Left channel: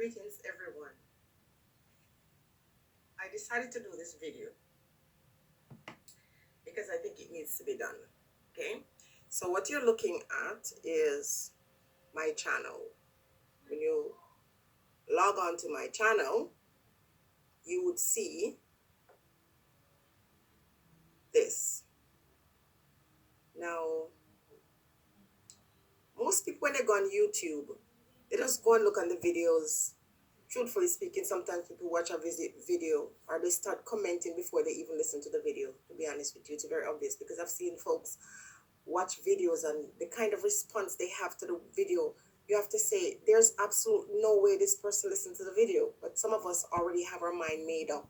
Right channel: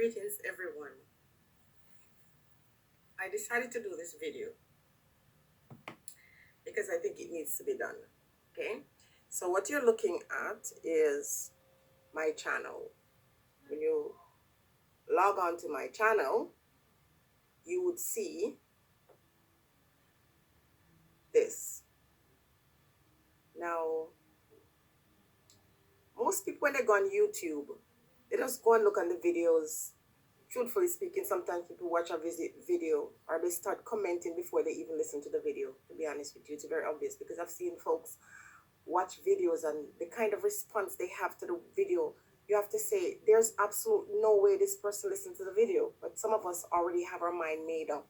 Greetings everyone. I decided to do this video because I think it needs to be done. Okay, so what you're looking at is my channel. When you log on to my channel, you would see this. Now, most people when they go on YouTube, they just go and look on the videos. Truthfully speaking, sometimes people watch a video or they start commenting before they even listen to the video. To be honest with you, it's very obvious because I've seen folks watch videos and the kind of response they have to the video, you have to say there's absolutely no way this person listened to the video. But some of us already have our mind made up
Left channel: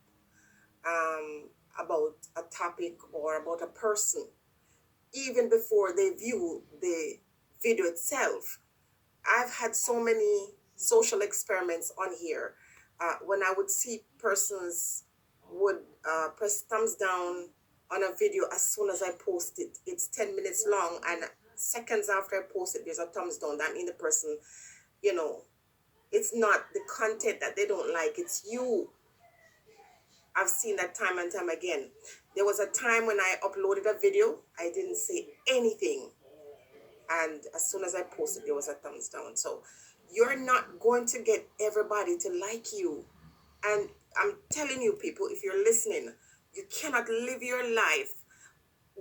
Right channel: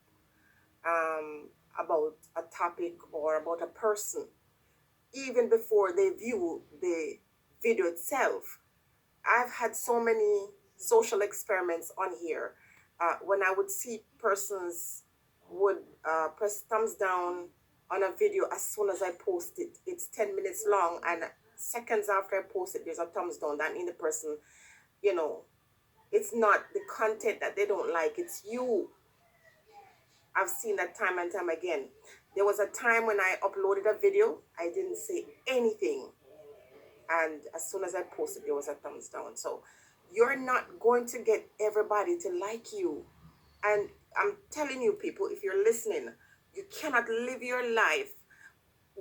about a topic or about a person even before they view the video itself. I've had so many social experiments on here. When I would see persons would press thumbs down on a video as soon as I post it. It's 10 minutes long, and seconds after I post it, there's a thumbs down. That means the person, it's not the content that they don't like, it's you. I've seen that time and time again. There was a time when I uploaded a video, I didn't say anything. And as soon as I posted, there was a thumbs down. So you're not going to get everybody to like you. And I'm telling you, people, if you're listening, you cannot live your life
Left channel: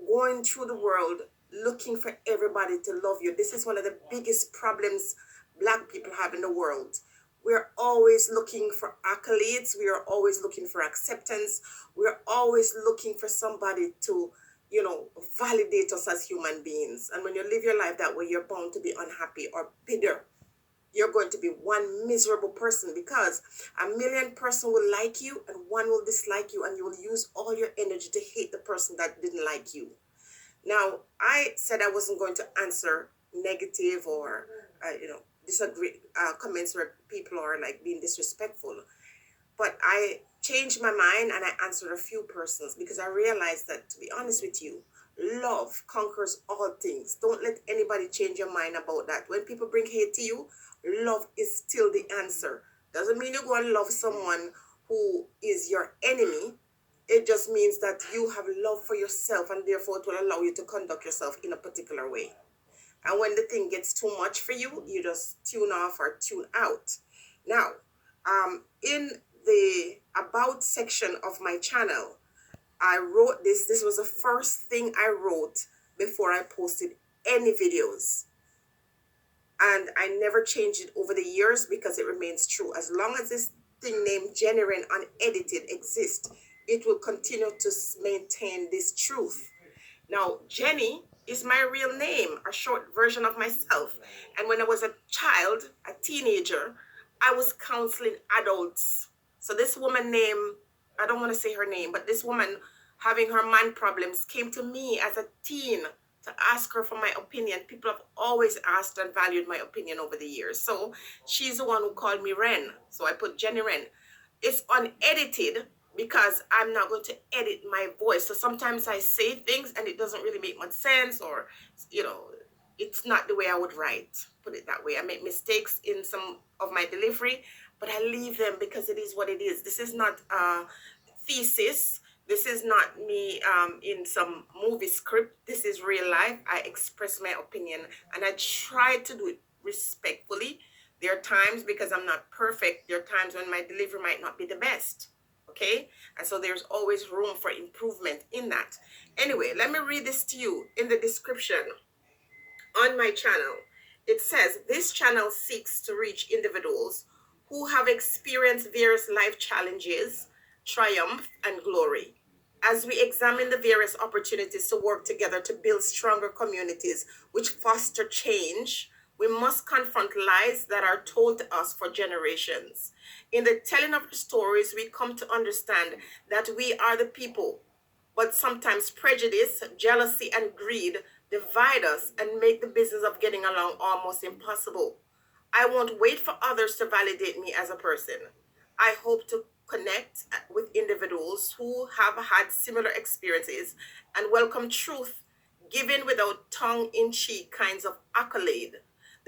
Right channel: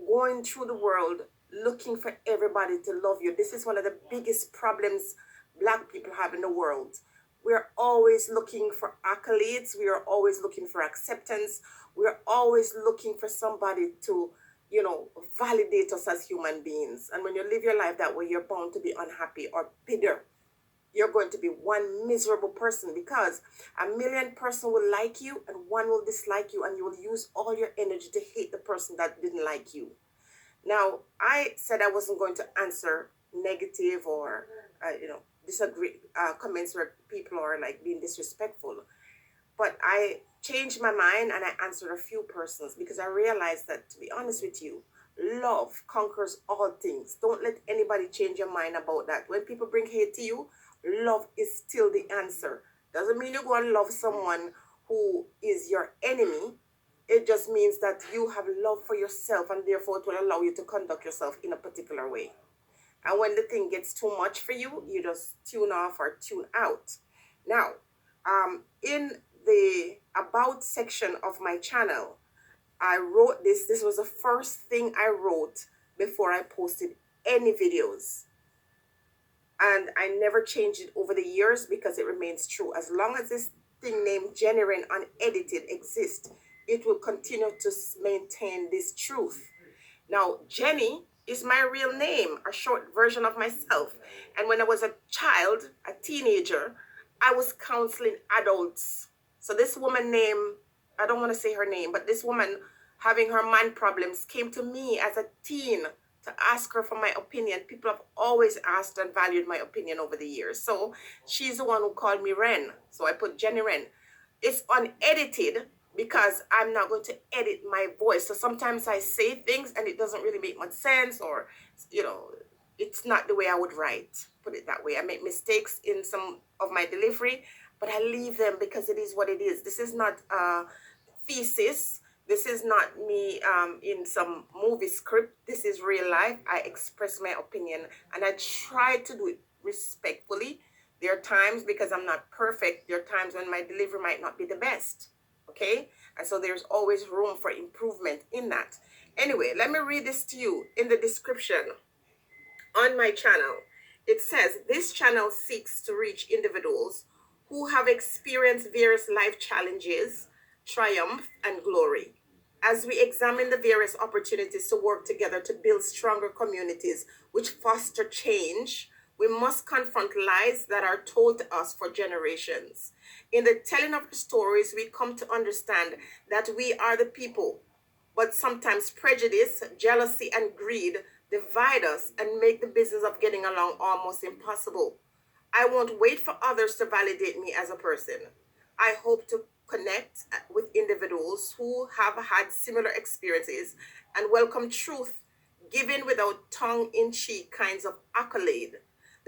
going through the world looking for everybody to love you. This is one of the biggest problems Black people have in the world. We're always looking for accolades. We are always looking for acceptance. We're always looking for somebody to, validate us as human beings. And when you live your life that way, you're bound to be unhappy or bitter. You're going to be one miserable person because a million person will like you and one will dislike you, and you will use all your energy to hate the person that didn't like you. Now, I said I wasn't going to answer negative or, disagree comments where people are like being disrespectful. But I changed my mind and I answered a few persons because I realized that, to be honest with you, love conquers all things. Don't let anybody change your mind about that. When people bring hate to you, love is still the answer. Doesn't mean you go and love someone who is your enemy. It just means that you have love for yourself, and therefore it will allow you to conduct yourself in a particular way. And when the thing gets too much for you, you just tune off or tune out. Now, in the about section of my channel, I wrote this. This was the first thing I wrote before I posted any videos. And I never changed it over the years because it remains true. As long as this thing named Genuine Unedited exists, it will continue to maintain this truth. Now, Jenny is my real name, a short version of myself. And when I was a child, a teenager, I was counseling adults. So this woman named, I don't want to say her name, but this woman having her man problems came to me as a teen to ask her for my opinion. People have always asked and valued my opinion over the years. So she's the one who called me Ren. So I put Jenny Ren. It's unedited because I'm not going to edit my voice. So sometimes I say things and it doesn't really make much sense, or, it's not the way I would write. Put it that way. I make mistakes in some of my delivery, but I leave them because it is what it is. This is not a thesis. This is not me in some movie script. This is real life. I express my opinion and I try to do it respectfully. There are times, because I'm not perfect, there are times when my delivery might not be the best. Okay? And so there's always room for improvement in that. Anyway, let me read this to you in the description on my channel. It says, this channel seeks to reach individuals who have experienced various life challenges, triumph, and glory. As we examine the various opportunities to work together to build stronger communities which foster change, we must confront lies that are told to us for generations. In the telling of the stories, we come to understand that we are the people, but sometimes prejudice, jealousy, and greed divide us and make the business of getting along almost impossible. I won't wait for others to validate me as a person. I hope to connect with individuals who have had similar experiences and welcome truth given without tongue-in-cheek kinds of accolade.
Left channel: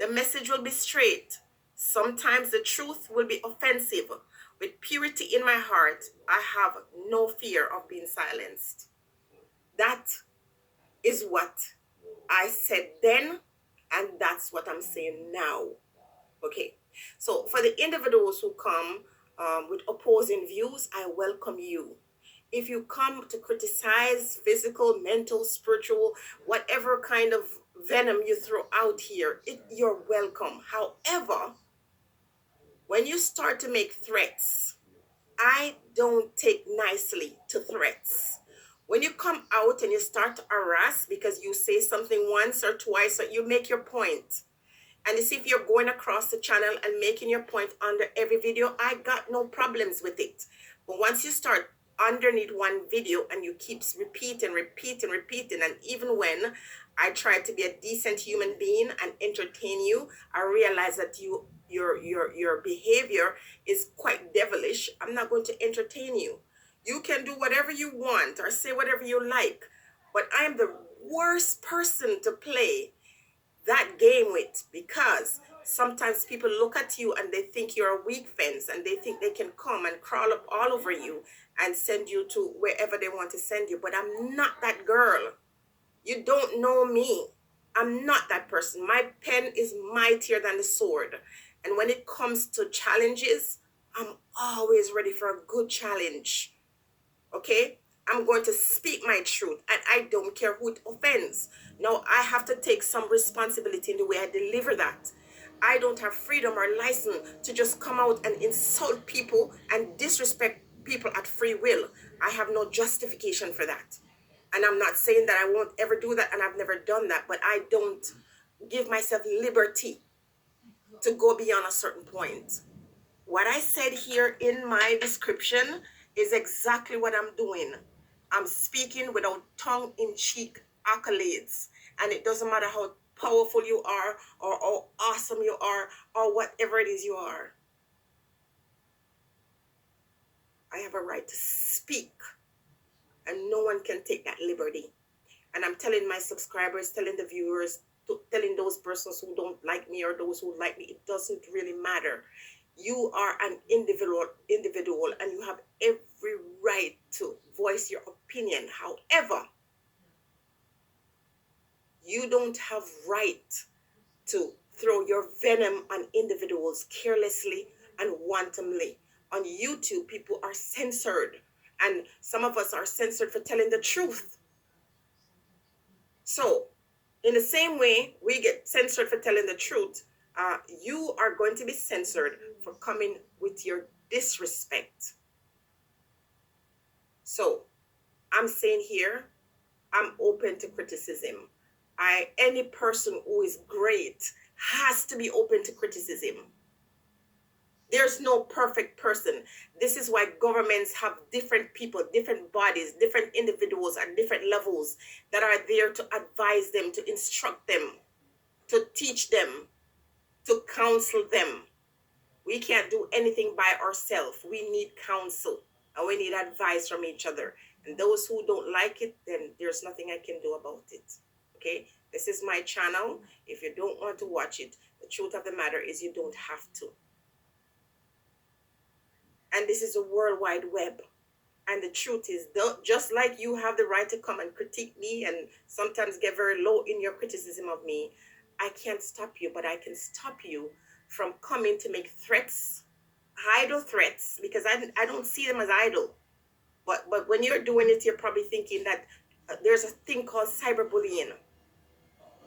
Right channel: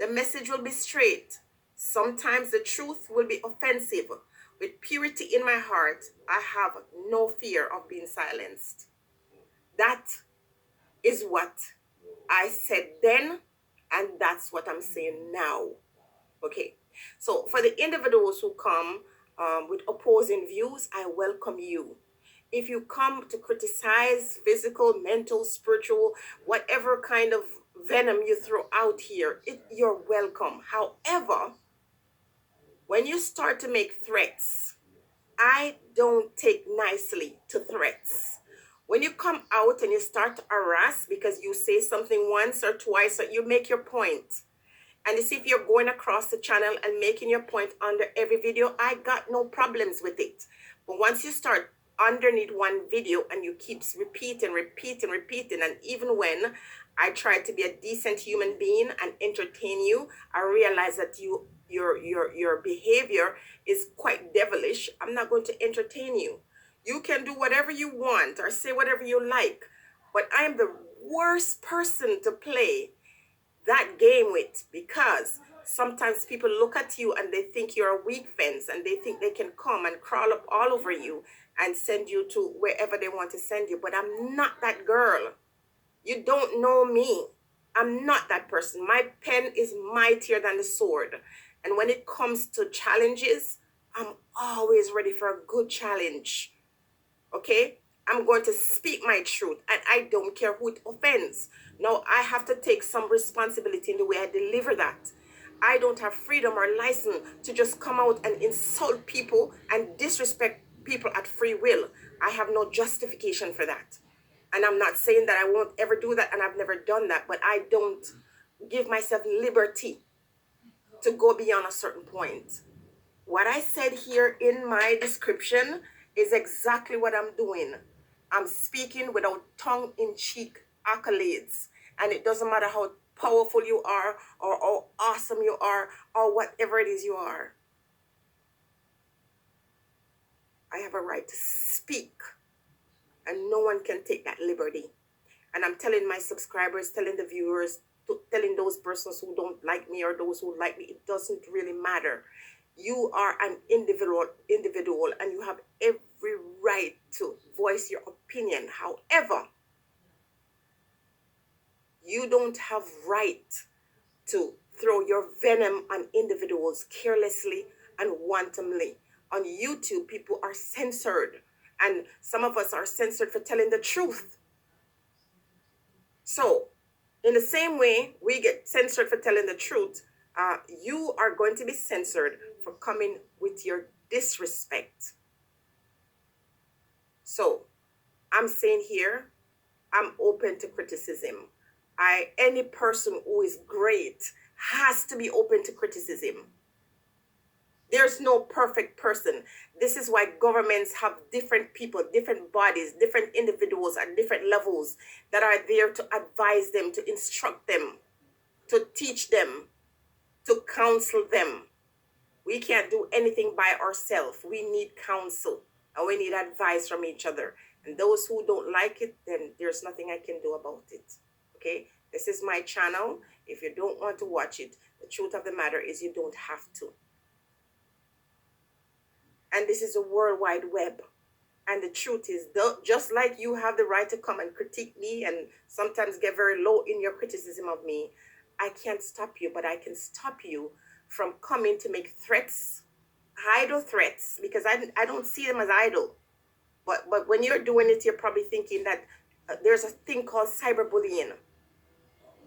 The message will be straight, Sometimes the truth will be offensive. With purity in my heart, I have no fear of being silenced. That is what I said then, and that's what I'm saying now. Okay, so for the individuals who come with opposing views, I welcome you. If you come to criticize physical, mental, spiritual, whatever kind of venom you throw out here, you're welcome. However, when you start to make threats, I don't take nicely to threats. When you come out and you start to harass because you say something once or twice, or you make your point, and you see if you're going across the channel and making your point under every video, I got no problems with it. But once you start underneath one video and you keep repeating, and even when I try to be a decent human being and entertain you, I realize that your behavior is quite devilish. I'm not going to entertain you. You can do whatever you want or say whatever you like, but I'm the worst person to play that game with, because sometimes people look at you and they think you're a weak fence, and they think they can come and crawl up all over you and send you to wherever they want to send you. But I'm not that girl. You don't know me. I'm not that person. My pen is mightier than the sword. And when it comes to challenges, I'm always ready for a good challenge. Okay? I'm going to speak my truth, and I don't care who it offends. Now, I have to take some responsibility in the way I deliver that. I don't have freedom or license to just come out and insult people and disrespect people at free will. I have no justification for that. And I'm not saying that I won't ever do that, and I've never done that, but I don't give myself liberty to go beyond a certain point. What I said here in my description is exactly what I'm doing. I'm speaking without tongue-in-cheek accolades. And it doesn't matter how powerful you are, or how awesome you are, or whatever it is you are. I have a right to speak, and no one can take that liberty. And I'm telling my subscribers, telling the viewers, telling those persons who don't like me or those who like me, it doesn't really matter. You are an individual, and you have every right to voice your opinion. However, you don't have right to throw your venom on individuals carelessly and wantonly. On YouTube, people are censored, and some of us are censored for telling the truth. So, in the same way we get censored for telling the truth, you are going to be censored for coming with your disrespect. So, I'm saying here, I'm open to criticism. Any person who is great has to be open to criticism. There's no perfect person. This is why governments have different people, different bodies, different individuals at different levels that are there to advise them, to instruct them, to teach them, to counsel them. We can't do anything by ourselves. We need counsel, and we need advice from each other. And those who don't like it, then there's nothing I can do about it. Okay? This is my channel. If you don't want to watch it, the truth of the matter is you don't have to. And this is a World Wide Web. And the truth is, just like you have the right to come and critique me and sometimes get very low in your criticism of me, I can't stop you, but I can stop you from coming to make threats, idle threats, because I don't see them as idle. But when you're doing it, you're probably thinking that there's a thing called cyberbullying.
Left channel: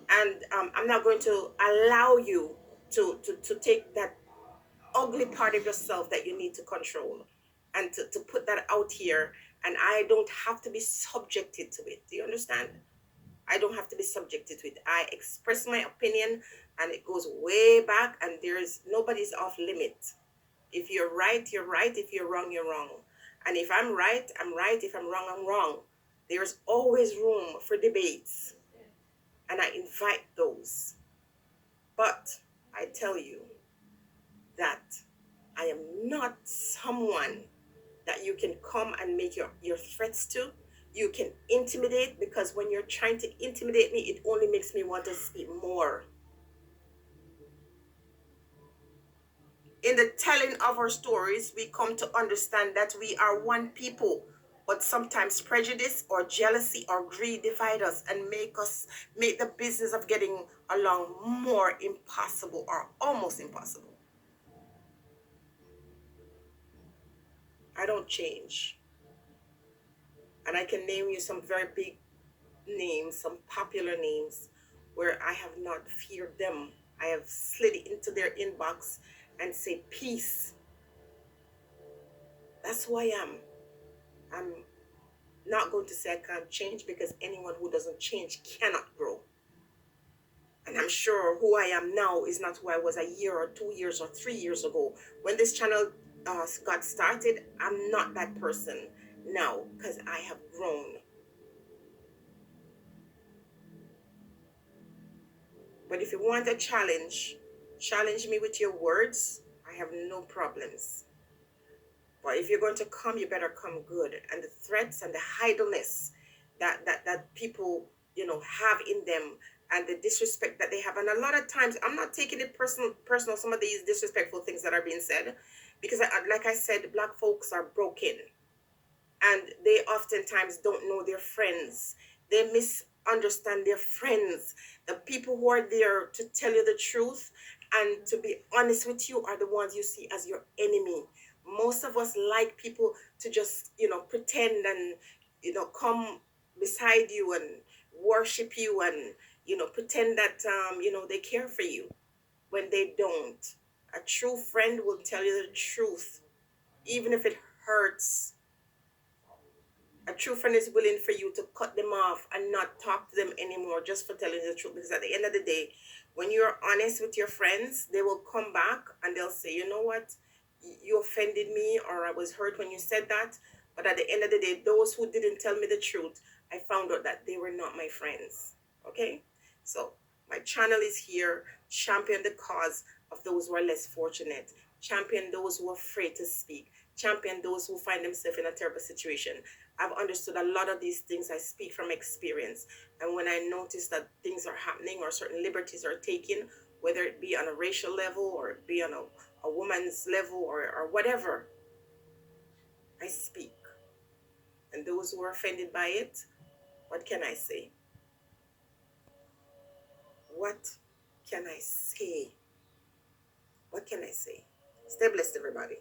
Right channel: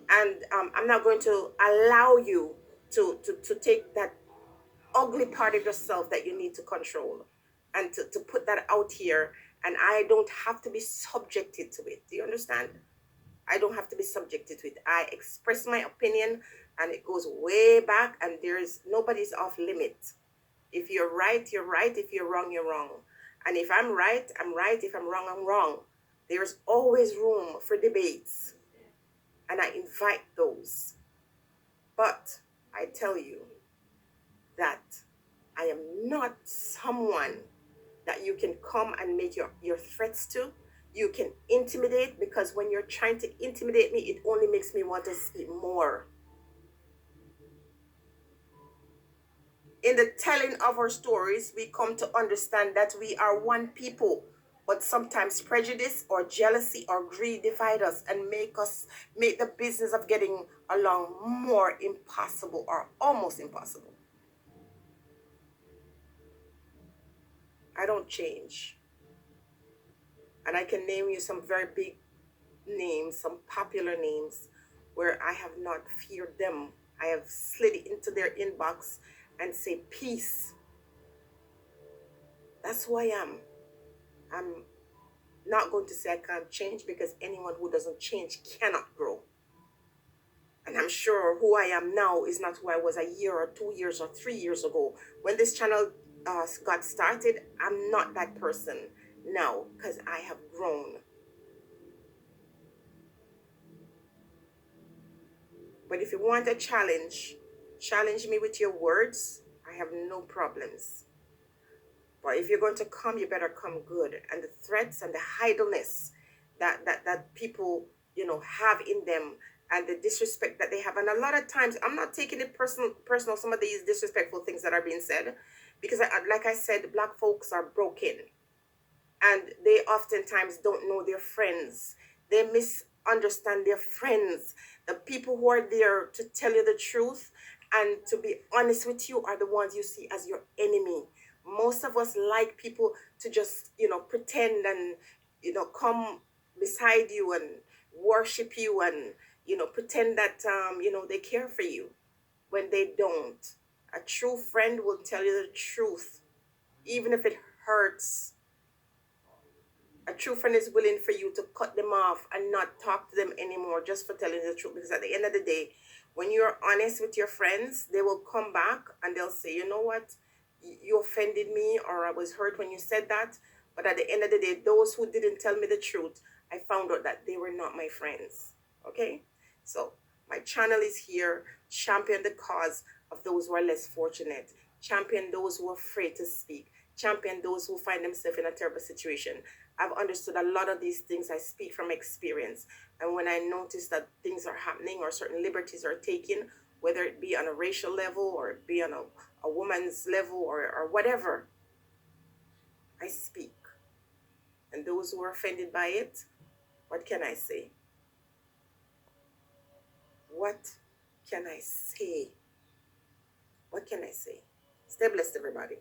And I'm not going to allow you to take that ugly part of yourself that you need to control and to put that out here. And I don't have to be subjected to it. Do you understand? I don't have to be subjected to it. I express my opinion, and it goes way back, and nobody's off limit. If you're right, you're right. If you're wrong, you're wrong. And if I'm right, I'm right. If I'm wrong, I'm wrong. There's always room for debates, and I invite those. But I tell you that I am not someone that you can come and make your threats to. You can intimidate, because when you're trying to intimidate me, it only makes me want to speak more. In the telling of our stories, we come to understand that we are one people, but sometimes prejudice or jealousy or greed divide us and make the business of getting along more impossible or almost impossible. I don't change. And I can name you some very big names, some popular names, where I have not feared them. I have slid into their inbox and say, peace. That's who I am. I'm not going to say I can't change, because anyone who doesn't change cannot grow. And I'm sure who I am now is not who I was a year or 2 years or 3 years ago. When this channel got started, I'm not that person now, because I have grown. But if you want a challenge me with your words. I have no problems. But if you're going to come, you better come good. And the threats and the idleness that people, have in them, and the disrespect that they have. And a lot of times, I'm not taking it personal, some of these disrespectful things that are being said, because like I said, black folks are broken, and they oftentimes don't know their friends. They misunderstand their friends. The people who are there to tell you the truth and to be honest with you are the ones you see as your enemy. Most of us like people to just, pretend and, come beside you and worship you and, pretend that, they care for you when they don't. A true friend will tell you the truth, even if it hurts. A true friend is willing for you to cut them off and not talk to them anymore just for telling the truth. Because at the end of the day, when you're honest with your friends, they will come back and they'll say, you know what, you offended me, or I was hurt when you said that. But at the end of the day, those who didn't tell me the truth, I found out that they were not my friends. Okay? So my channel is here. Champion the cause of those who are less fortunate. Champion those who are afraid to speak. Champion those who find themselves in a terrible situation. I've understood a lot of these things. I speak from experience. And when I notice that things are happening or certain liberties are taken, whether it be on a racial level or it be on a woman's level or whatever, I speak. And those who are offended by it, what can I say? What can I say? What can I say? Stay blessed, everybody.